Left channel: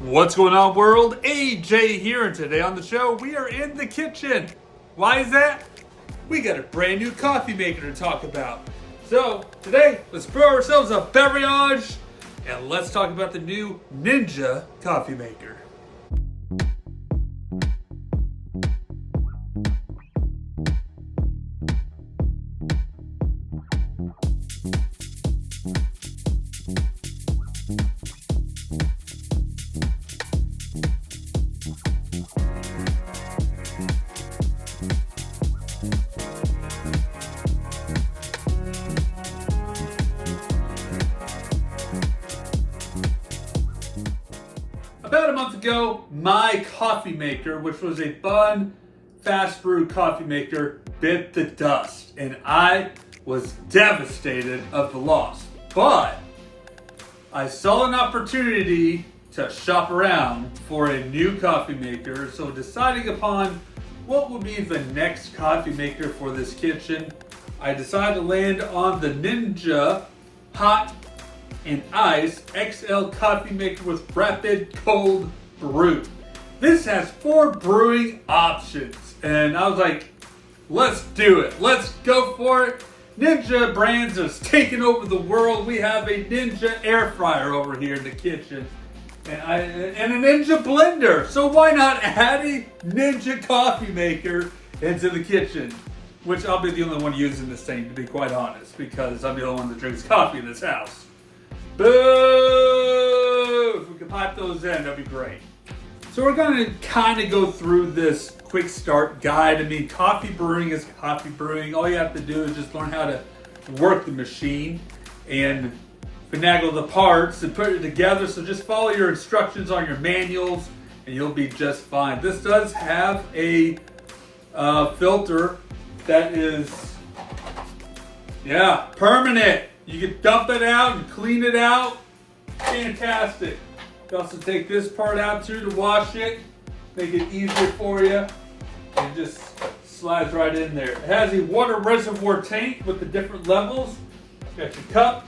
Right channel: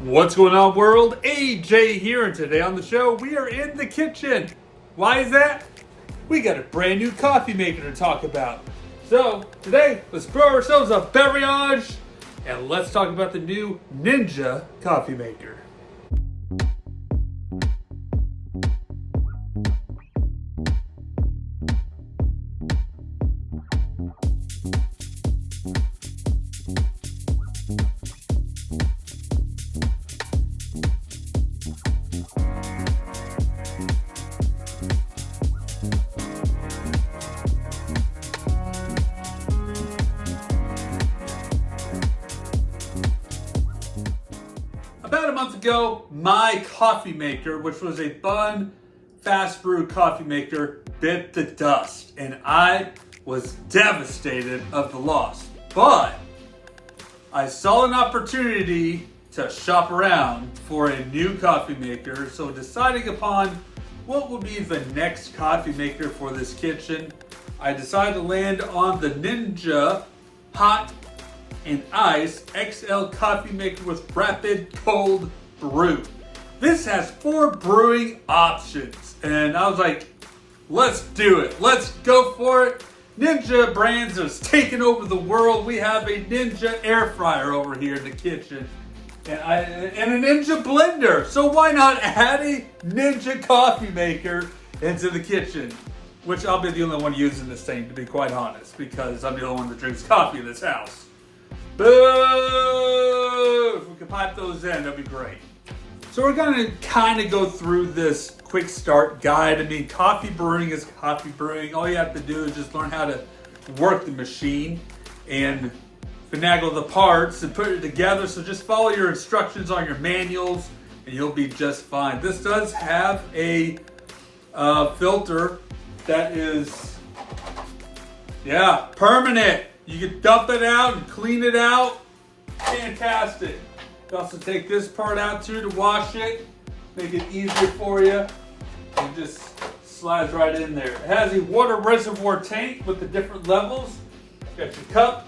What's going on, world? AJ here, and today on the show we are in the kitchen. Why is that? We got a brand new coffee maker to talk about. So today, let's brew ourselves a beverage, and let's talk about the new Ninja coffee maker. About a month ago, my coffee maker, which was a fun, fast brew coffee maker, bit the dust, and I was devastated of the loss. But I saw an opportunity to shop around for a new coffee maker, so deciding upon what would be the next coffee maker for this kitchen, I decided to land on the Ninja Hot and Ice XL coffee maker with rapid cold brew. This has 4 brewing options, and I was like, let's do it. Let's go for it. Ninja Brands has taken over the world. We have a Ninja air fryer over here in the kitchen, and a Ninja blender. So why not add a Ninja coffee maker into the kitchen? Which I'll be the only one using this thing, to be quite honest, because I'm the only one that drinks coffee in this house. Boo! If we could pipe those in, that'd be great. So we're going to kind of go through this quick start guide. I mean, coffee brewing is coffee brewing. All you have to do is just learn how to work the machine and finagle the parts and put it together. So just follow your instructions on your manuals and you'll be just fine. This does have a filter that is, permanent. You can dump it out and clean it out. Fantastic. You also take this part out too to wash it. Make it easier for you. It just slides right in there. It has a water reservoir tank with the different levels. Got your cup,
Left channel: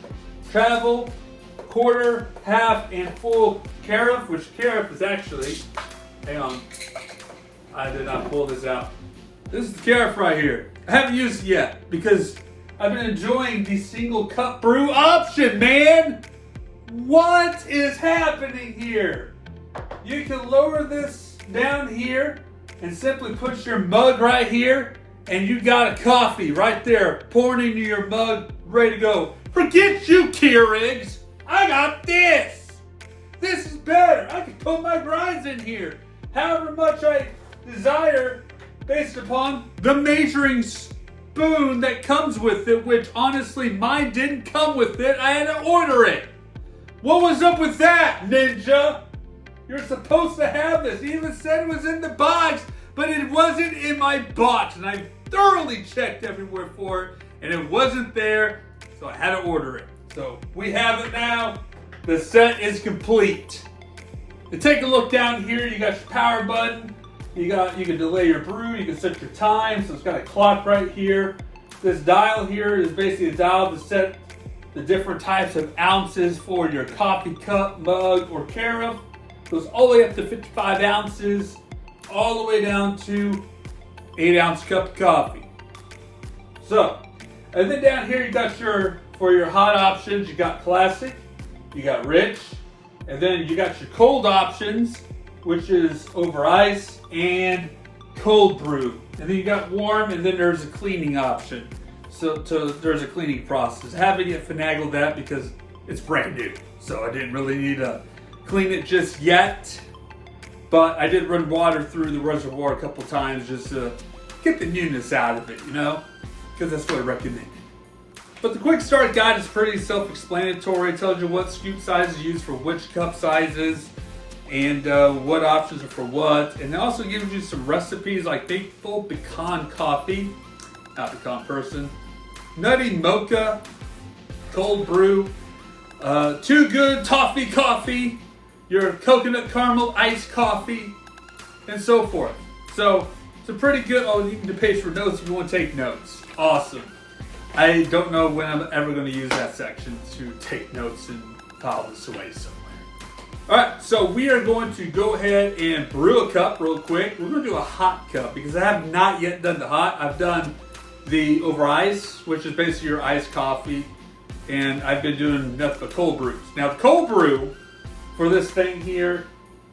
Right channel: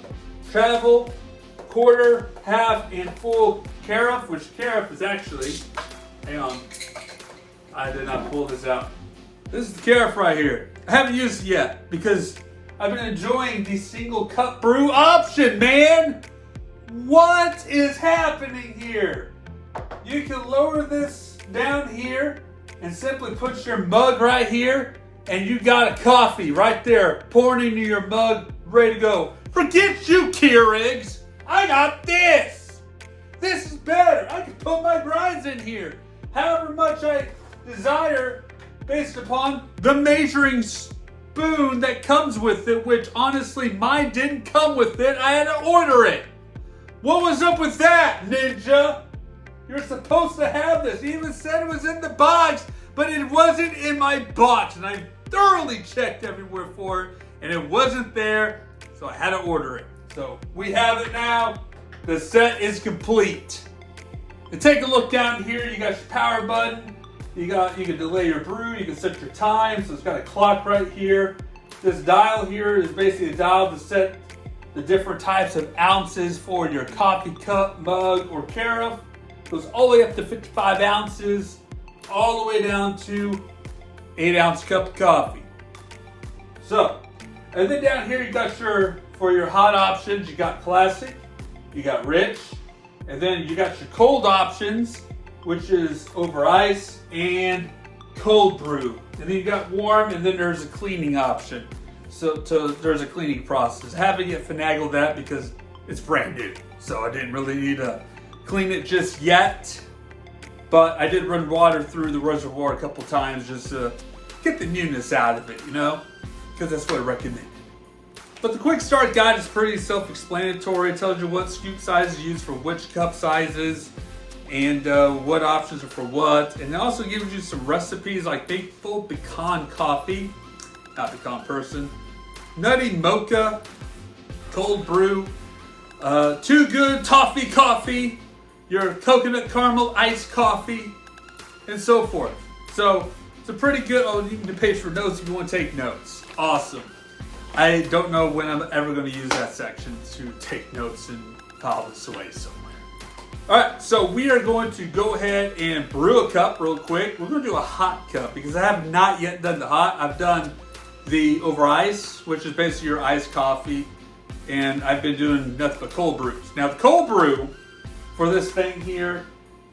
travel, quarter, half, and full carafe, which carafe is actually, hang on, I did not pull this out. This is the carafe right here. I haven't used it yet because I've been enjoying the single cup brew option, man. What is happening here? You can lower this down here and simply put your mug right here and you got a coffee right there pouring into your mug, ready to go. Forget you, Keurigs. I got this. This is better. I can put my grinds in here however much I desire based upon the measuring spoon that comes with it, which honestly mine didn't come with it. I had to order it. What was up with that, Ninja? You're supposed to have this. He even said it was in the box, but it wasn't in my box, and I thoroughly checked everywhere for it, and it wasn't there, so I had to order it. So we have it now. The set is complete. And take a look down here. You got your power button. You can delay your brew, you can set your time, so it's got a clock right here. This dial here is basically a dial to set the different types of ounces for your coffee cup, mug, or carafe. Goes all the way up to 55 ounces, all the way down to 8-ounce cup of coffee. So, and then down here you got for your hot options, you got classic, you got rich, and then you got your cold options, which is over ice and cold brew. And then you got warm, and then there's a cleaning option. So there's a cleaning process. I haven't yet finagled that because it's brand new. So I didn't really need to clean it just yet. But I did run water through the reservoir a couple times just to get the newness out of it, because that's what I recommend. But the quick start guide is pretty self-explanatory. It tells you what scoop sizes used for which cup sizes, and what options are for what. And it also gives you some recipes like Faithful Pecan Coffee, not pecan person, Nutty Mocha, Cold Brew, Too Good Toffee Coffee, your Coconut Caramel Iced Coffee, and so forth. So it's a pretty good, you need to page for notes if you want to take notes. Awesome. I don't know when I'm ever going to use that section to take notes and file this away somewhere. All right, so we are going to go ahead and brew a cup real quick. We're going to do a hot cup because I have not yet done the hot. I've done the over ice, which is basically your iced coffee, and I've been doing nothing but cold brews. Now, the cold brew for this thing here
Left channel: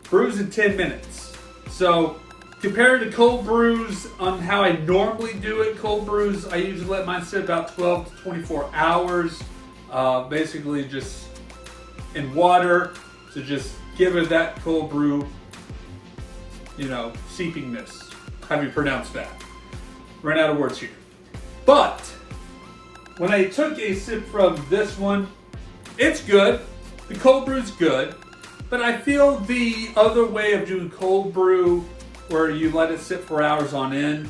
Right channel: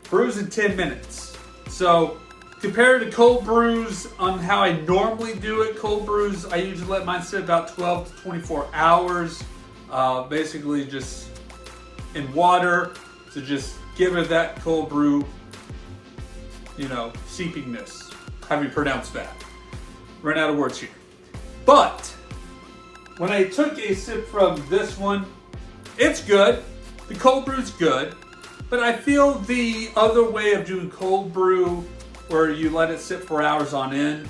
brews in 10 minutes. So compared to cold brews on how I normally do it, cold brews, I usually let mine sit about 12 to 24 hours, basically just in water to just give it that cold brew, seepingness. How do you pronounce that? Ran out of words here. But when I took a sip from this one, it's good. The cold brew's good. But I feel the other way of doing cold brew, where you let it sit for hours on end,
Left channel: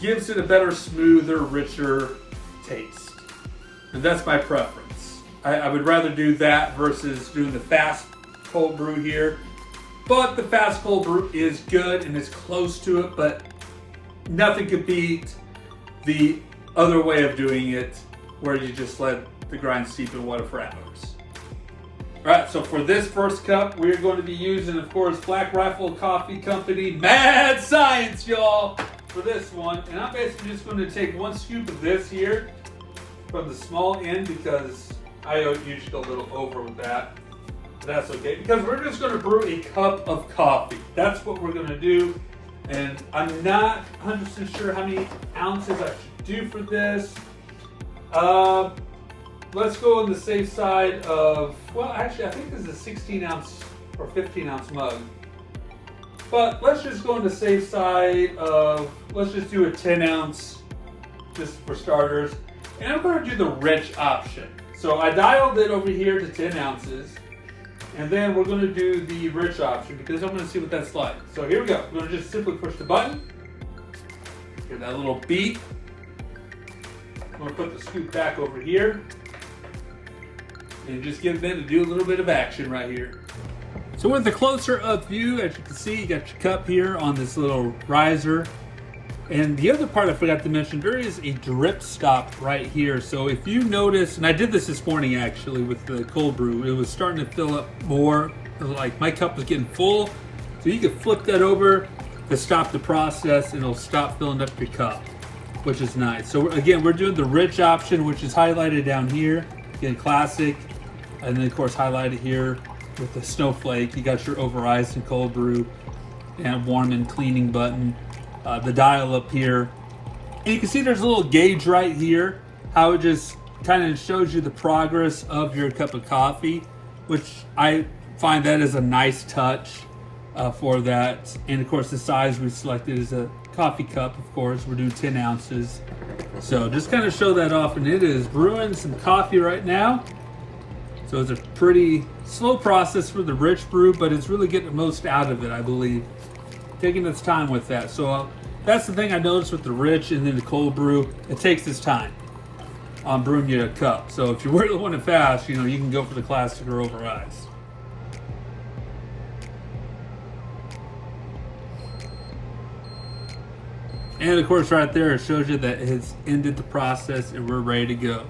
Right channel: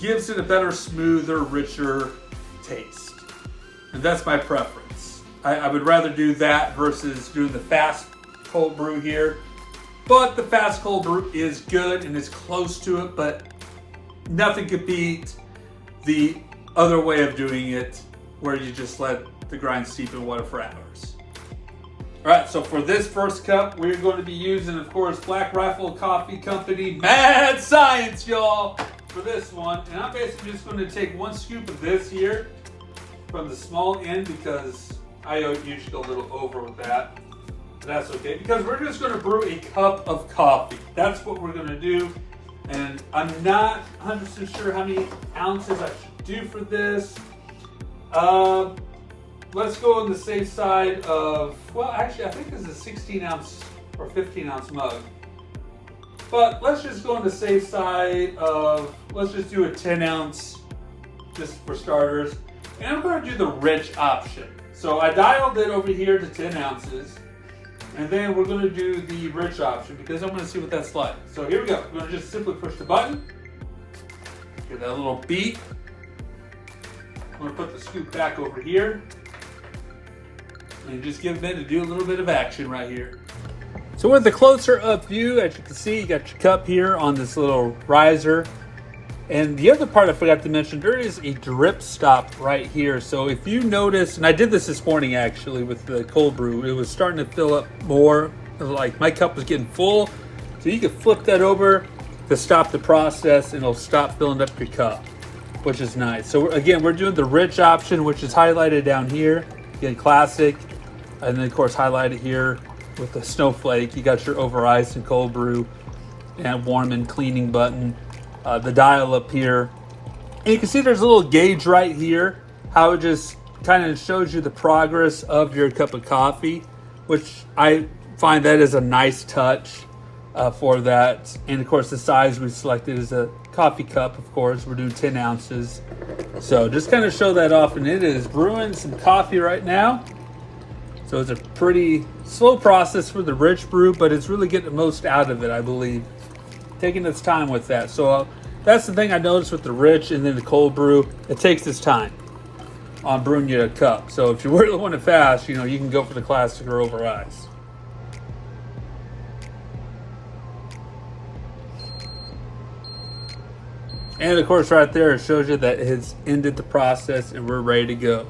gives it a better, smoother, richer taste. And that's my preference. I would rather do that versus doing the fast cold brew here. But the fast cold brew is good and is close to it, but nothing could beat the other way of doing it, where you just let the grind steep in water for hours. All right, so for this first cup, we're going to be using, of course, Black Rifle Coffee Company Mad Science, y'all, for this one. And I'm basically just going to take 1 scoop of this here from the small end because I usually go a little over with that. But that's okay, because we're just going to brew a cup of coffee. That's what we're going to do. And I'm not 100% sure how many ounces I should do for this. Let's go on the safe side of, well, actually, I think this is a 16 ounce or 15 ounce mug. But let's just go on the safe side of, let's just do a 10 ounce just for starters. And I'm going to do the rich option. So I dialed it over here to 10 ounces. And then we're going to do the rich option because I'm going to see what that's like. So here we go. We're going to just simply push the button. Give that a little beep. I'm going to put the scoop back over here. And you just give it to do a little bit of action right here. So with the closer up view, as you can see, you got your cup here on this little riser. And the other part I forgot to mention, there is a drip stop right here. So if you notice, and I did this morning actually with the cold brew, it was starting to fill up more. Like my cup was getting full. So you can flip that over to stop the process and it'll stop filling up your cup, which is nice. So again, we're doing the rich option, which is highlighted down here. Again, classic. And then of course highlighted here with the snowflake. You got your over ice and cold brew and warm and cleaning button. The dial up here, and you can see there's a little gauge right here, how it just kind of shows you the progress of your cup of coffee, which I find that is a nice touch for that. And of course the size we selected is a coffee cup. Of course we're doing 10 ounces, so just kind of show that off. And it is brewing some coffee right now, so it's a pretty slow process for the rich brew, but it's really getting the most out of it, I believe, taking its time with that. So that's the thing I noticed with the rich and then the cold brew. It takes its time on brewing you a cup. So if you really want it fast, you can go for the classic or over ice. And of course right there, it shows you that it has ended the process and we're ready to go.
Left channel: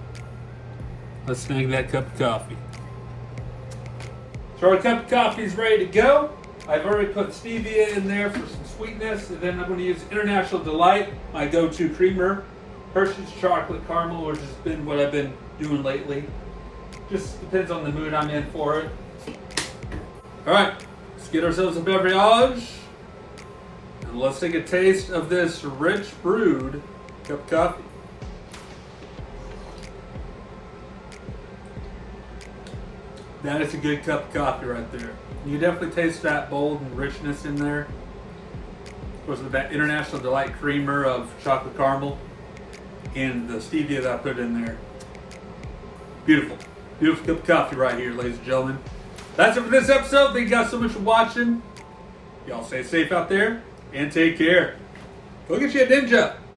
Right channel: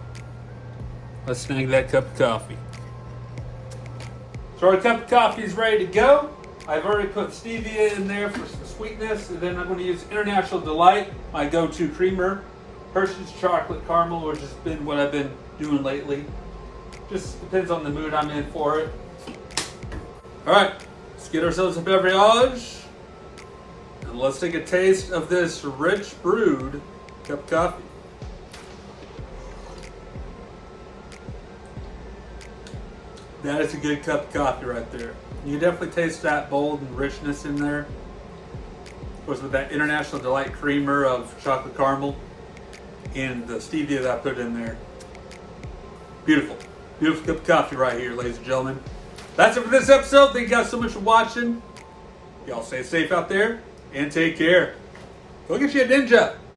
Let's snag that cup of coffee. So our cup of coffee is ready to go. I've already put stevia in there for some sweetness, and then I'm going to use International Delight, my go-to creamer, Hershey's Chocolate Caramel, which has been what I've been doing lately. Just depends on the mood I'm in for it. All right, let's get ourselves a beverage, and let's take a taste of this rich brewed cup of coffee. That is a good cup of coffee right there. You definitely taste that bold and richness in there. Of course, with that International Delight creamer of chocolate caramel and the stevia that I put in there. Beautiful. Beautiful cup of coffee right here, ladies and gentlemen. That's it for this episode. Thank you guys so much for watching. Y'all stay safe out there and take care. Go get you a ninja.